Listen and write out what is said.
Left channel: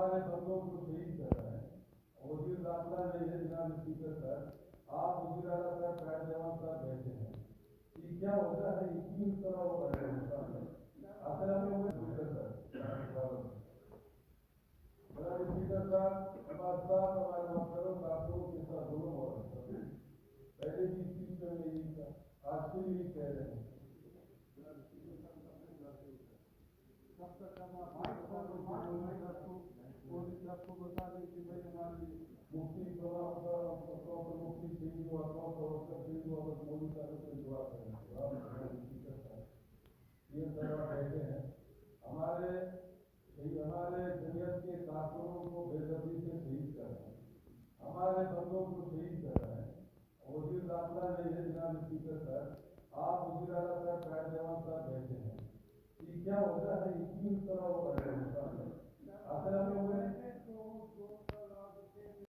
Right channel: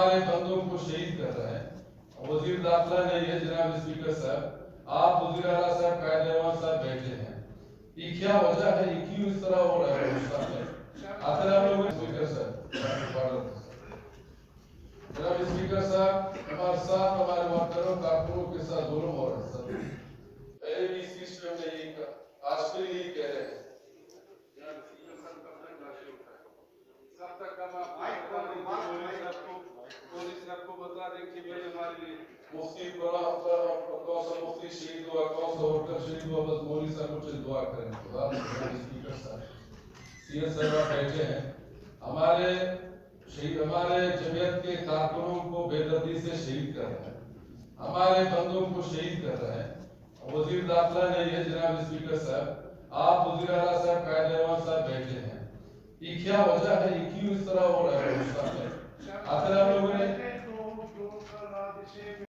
हमारे बंदों को शहीद कर रहे हैं। वजीर दाखिला नहीं है जनाब स्पीकर साहब, आप वजीर आला साहब कायद रहमान साहब बैठे हैं, ये क्या वजह है, ये क्यों इस तरह हो रहा है हिंदुस्तान में? आखिर हम लोग स्पीकर साहब जनाब स्पीकर साहब हमारे साथ हमारे वर्करों कारकुनों के साथ जुल्म हो रहा है सर। पहले भी इस स्पीच में हमने यही कहा, आज फिर यही कह रहे हैं। मुफ्ती कौन सा मुफ्ती शहीद हुआ, कौन सा वर्कर शहीद हुआ, बस मौलवी साहब कुछ दुआ करें। स्पीकर साहब सीएस साहब बैठे हैं, हमारे जमीयत के कारकुनों को बेदर्दी से शहीद कर रहे हैं, हमारे बंदों को शहीद कर रहे हैं। वजीर दाखिला नहीं है जनाब स्पीकर साहब, आप वजीर आला साहब कायद रहमान साहब बैठे हैं, ये क्या वजह है, ये क्यों इस तरह हो रहा है हिंदुस्तान में? आखिर हम लोगों ने